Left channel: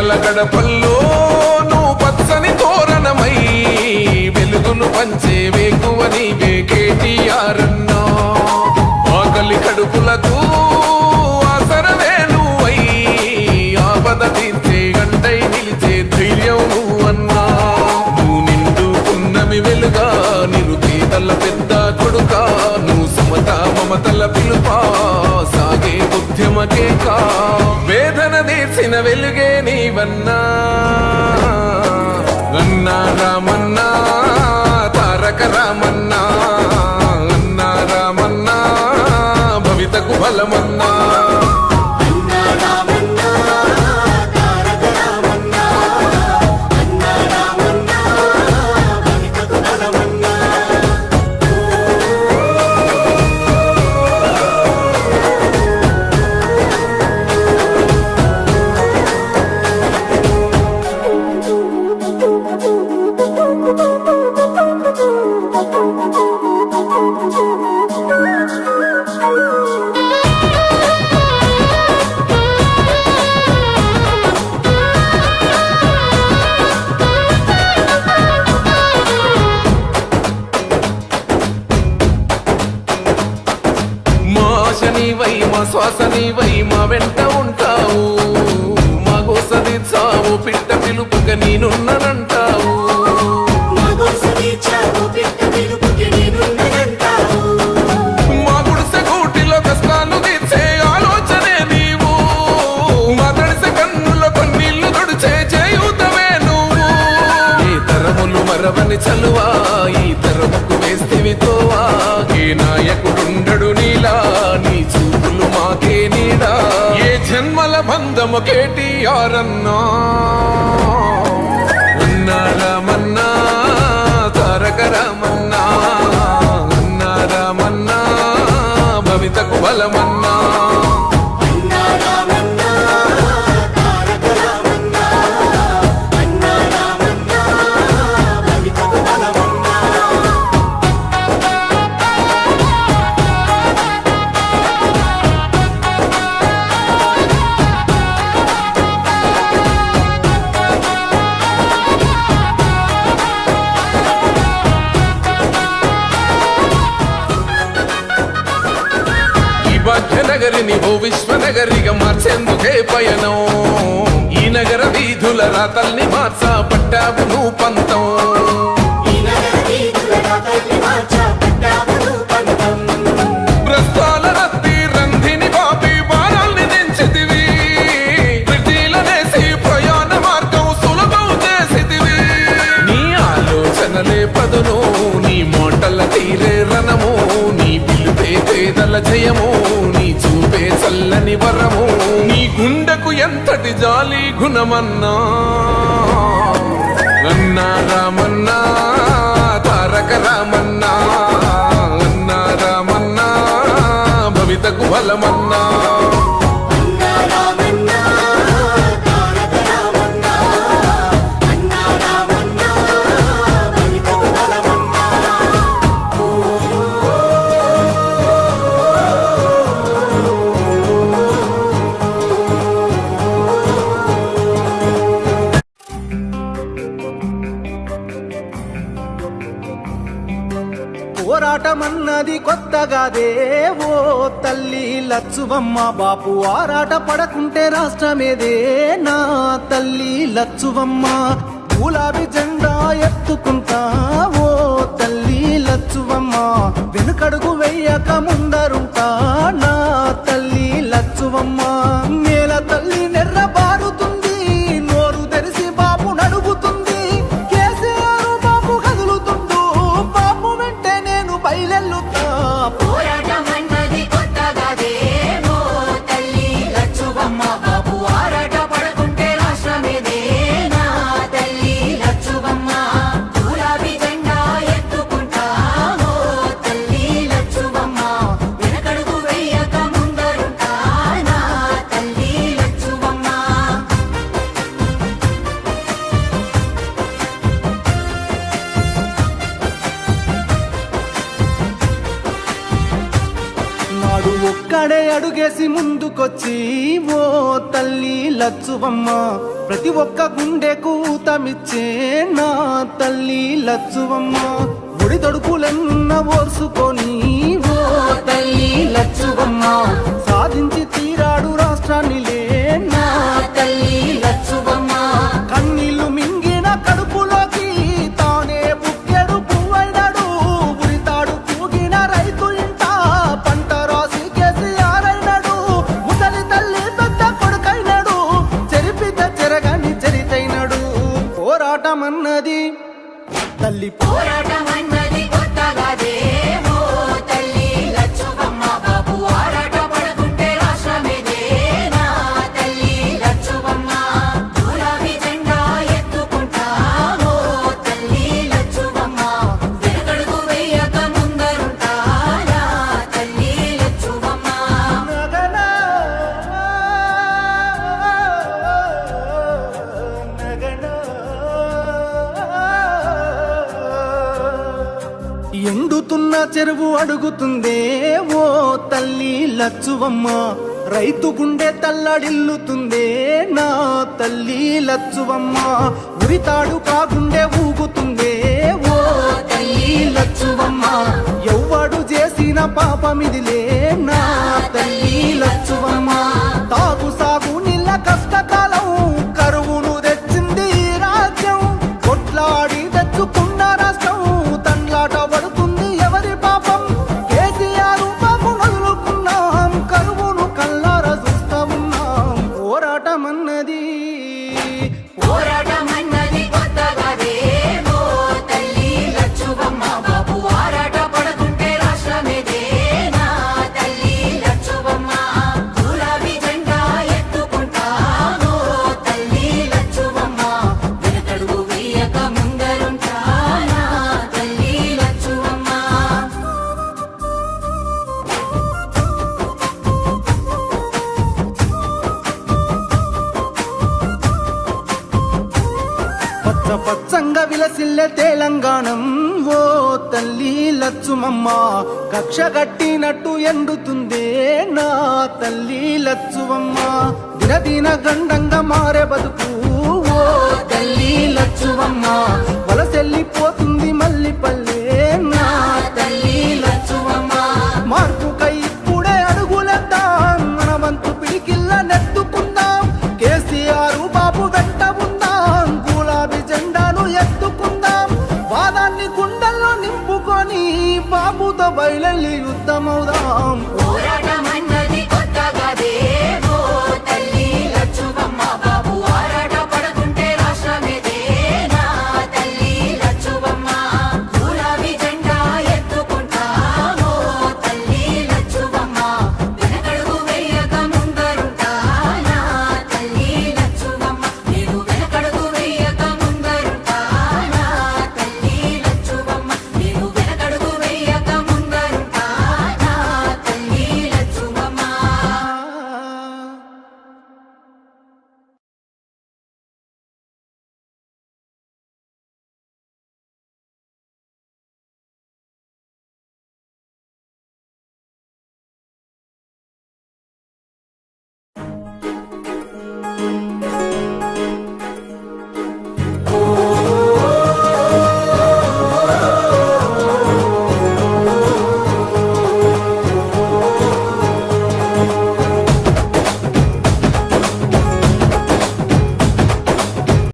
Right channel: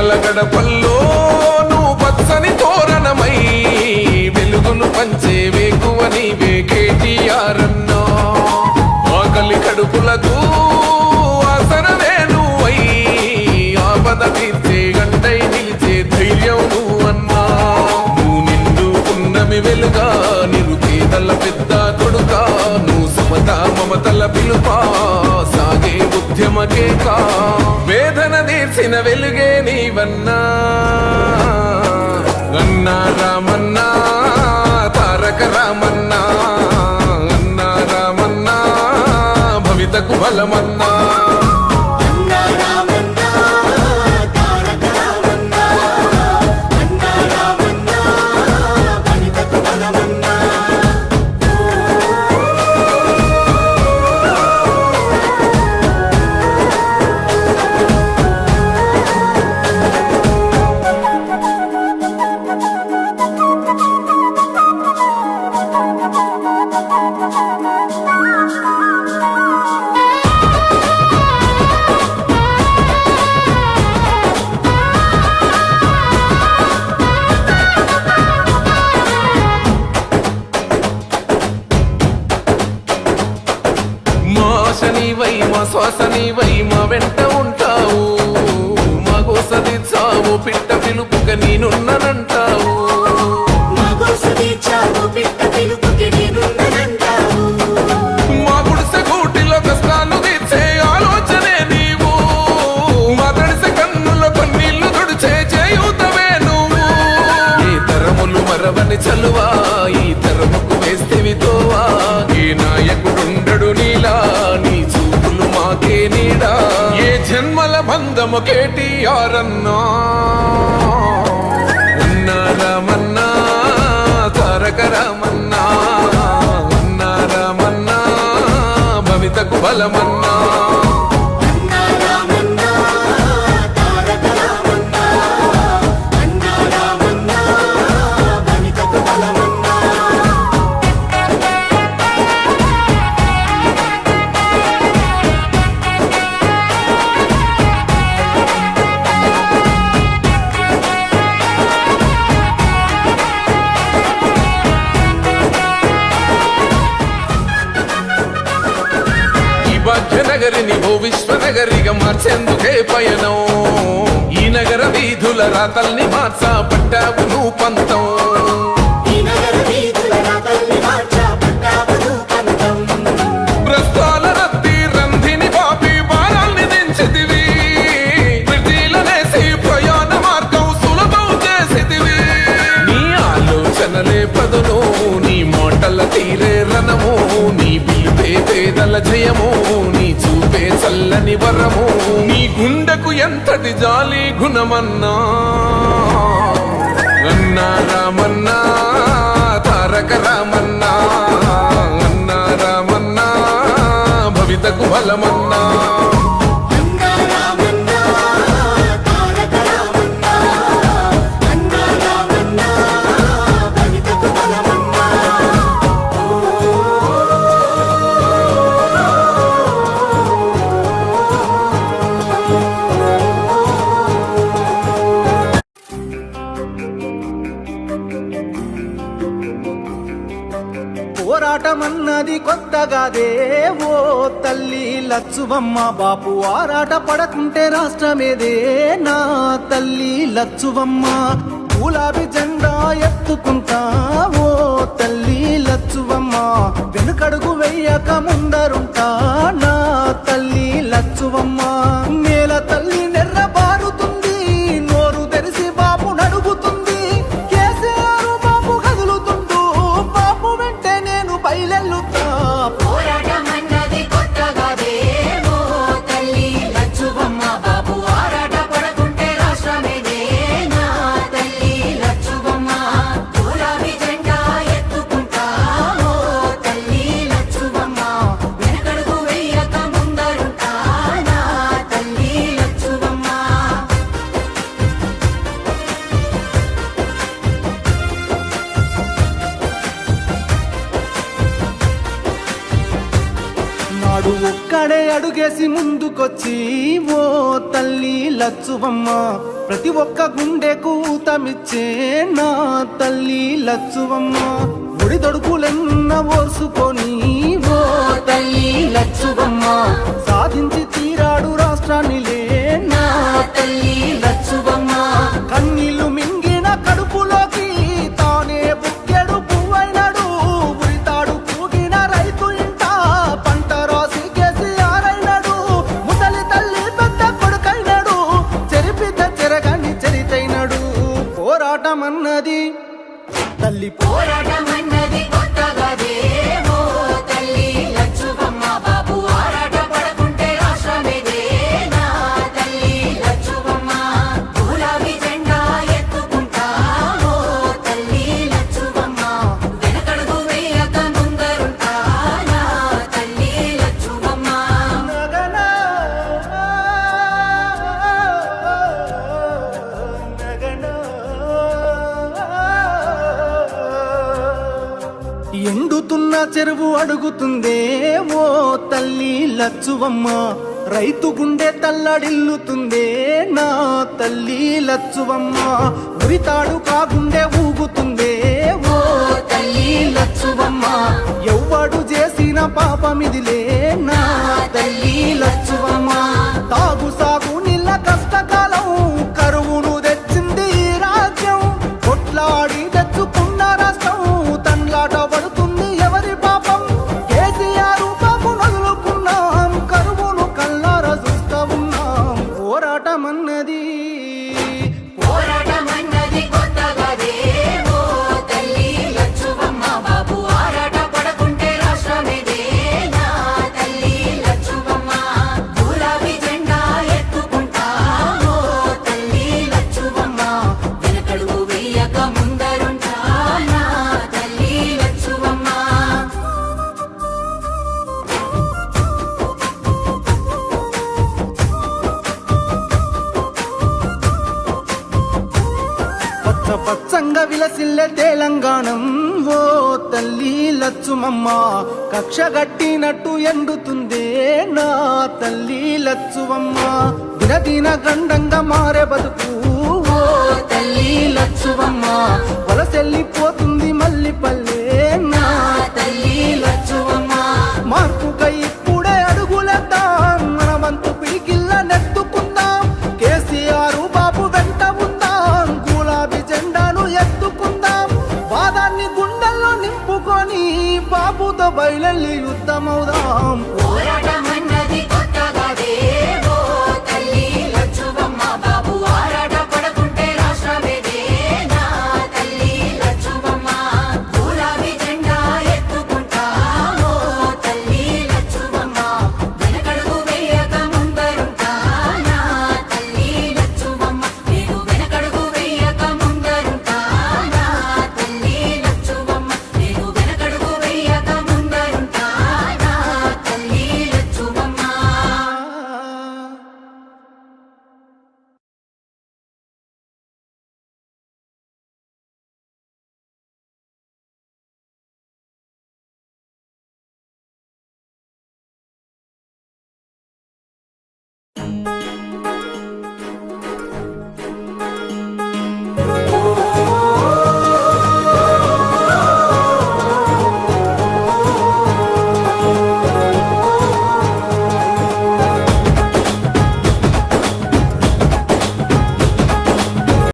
పేదల గడపల్లో నువ్వు పచ్చని తోరణమై వెలుగును పంచే వేకువ నీవే కేటీఆర్ అన్నా. ఆకలి కడుపులకు ఆసరవే నువ్వై ఆపద తీర్చే గంటై నిలిచే ధైర్యం నువ్వన్నా. నువ్వు నిండు పున్నమి వెలుగా నిరుపేదల పెద్ద కొడుకా. నువ్వు సమత మమతల పిలుపా సాగే ఉద్యమకే కా. వేదన తీర్చిన వెలుగే నీవన్నా. అన్నా రామన్నా తారక రామన్నా. అన్నా రామన్నా భవితకు బలమన్నా. నీవై మా శ్వాస నీవై మా వెంట ఉంటావు. మా గోస తీర్చావు పిట్ట పిలుపుక నేనున్నానంటావు. మా గుడిసె గూటిలో కష్టాలు తీర్చే ఆలోచనే నీవు. మా తడిసె కన్నులో కన్నీళ్లు తుడిచే చేయూతవే నువ్వు. ఏ తరములు మరవని చలువా ఈ తరముకు వేస్తేవి తోవా. ఏ నాయకుడుండడు నీలా నీ చూపులు మాకే నీడా. ఏ జన్మల బంధము కేటీఆర్ అన్నా. అన్నా రామన్నా తారక రామన్నా. అన్నా రామన్నా భవితకు బలమన్నా. భాగ్యనగరిని ఓ విశ్వనగరిగా మార్చేందుకే పయనం. ఈ నగర వీధుల రాతల్ని మార్చా పట్టావు నువ్వు పంతం. ప్రస్తాల రద్దీ రంధిని పాపి భారాల్ని దించితివి. ప్రతిలనేసి ప్రయాణ మార్గం సులభం చేసితివి. నీ ఆలోచనలే పదును నీ మోటల తీరే రణము. నీ పిలుపే పేదల జయము. నీ చూపే చల్లని వరము. నీ గుండెకు ఎంతటి జాలి గుణమన్నా. అన్నా రామన్నా తారక రామన్నా. అన్నా రామన్నా భవితకు బలమన్నా. పోరాటమన్నది కొత్తగాదే ఓ తల్లి లచ్చువమ్మ. బాపు ఆరాట పడకుంటే రాష్ట్రమేదే నా తల్లి లచ్చువమ్మ. గులాబీ జెండా ఎత్తుకుంటా ఓ తల్లి లచ్చువమ్మ. వెనుకడుగు వెయ్యక ముందరుంటా నా తల్లి లచ్చువమ్మ. నేల తల్లి నెర్రబారుతుంది నోరు తెరిసి బాపు నడుగుతుంది. కేసీఆర్ బాపు కదులుతుండు బాపు వెంటే నేను బయలెల్లుతా. పోరాటమన్నది కొత్తగాదే ఓ తల్లి లచ్చువమ్మ. బాపు ఆరాట పడకుంటే రాష్ట్రమేదే నా తల్లి లచ్చువమ్మ. గులాబీ జెండా ఎత్తుకుంటా ఓ తల్లి లచ్చువమ్మ. వెనకడుగు వెయ్యక ముందరుంటా నా తల్లి లచ్చువమ్మ. ఈనాడే అడుగేసి ముందుకొచ్చి ఓ తల్లి లచ్చువమ్మ ప్రతి ఒక్క గుండెకు ఊతమిచ్చే నా తల్లి లచ్చువమ్మ ఒడిదొడుకులెన్న ఓర్సుకొని ఓ తల్లి లచ్చువమ్మ సాధించి తీరాడు రాష్ట్రాన్నిలే నా తల్లి లచ్చువమ్మ కన్నీళ్లు మింగిన కడుపులోకి తానే బుక్కెడు పువ్వైనాడు ఉరితాడు పూగిన రైతు ఇంట పంట రాసి కేసీఆర్ అయినాడు ముసలి తల్లి పెద్ద కొడుకైనాడు చెరిపిత చెరగని చరితైనాడు పోరాటమన్నది తల్లి పోరాటమన్నది కొత్తగాదే ఓ తల్లి లచ్చువమ్మ బాపు ఆరాట పడుకుంటే రాష్ట్రమేదే నా తల్లి లచ్చువమ్మ గులాబీ జెండా ఎత్తుకుంటా ఓ తల్లి లచ్చువమ్మ వెనుకడుగు వేయక ముందరుంటా నా తల్లి లచ్చువమ్మ నగనా నగనా ఎండుతున్న చెరువు అడుగుతుందే ఓ తల్లి లచ్చువమ్మ రైతు గుండె తల్లడిల్లుతుందే నా తల్లి లచ్చువమ్మ ఉరితాడు కాగుండె ఊగుతుందే ఓ తల్లి లచ్చువమ్మ ఎవ్వడు చేసిన పాపమిదిలే నా తల్లి లచ్చువమ్మ తాగు సాగు నీళ్ళ కష్టకాలం కరువును తెచ్చింది ఈ రాజ్యం కొట్లాడి తెచ్చుకున్న రాష్ట్రం తండ్లాట పడుతుంది ఎవరి పాపం కేసీఆర్ పాపం వదులుకున్నాం కరువును కల్లారా చూస్తా ఉన్నాం పోరాటమన్నది కొత్తగాదే ఓ తల్లి లచ్చువమ్మ బాబు ఆరాట పడకుంటే రాష్ట్రమేదే నా తల్లి లచ్చువమ్మ గులాబీ జెండా ఎత్తుకుంటా ఓ తల్లి లచ్చువమ్మ వెనకడుగు వేయక ముందరుంటా నా తల్లి లచ్చువమ్మ పచ్చ పచ్చంగా విలసిల్లే తెలంగాణం ఓ తల్లి లచ్చుమమ్మ కక్ష గట్టినట్టు ఎండుతుందే నా తల్లి లచ్చువమ్మ దినదిన గండంగా మారే బతుకు ఓ తల్లి లచ్చువమ్మ వలసెల్లిపోతుంది మళ్ళీ పల్లె నా తల్లి లచ్చువమ్మ మార్పుకై ఇప్పుడే అడుగులేద్దాం మన వంతు పిడికిల్ల నెత్తుకుందాం కేసీఆర్ బాబు వెంట ఉందాం గులాబీ జెండాను ఎత్తుకుందాం వాదాన్ని గుండెల్లో నింపుకొని బాబుతో బయలెళ్ళి యుద్ధమవుదాం పోరాటమన్నది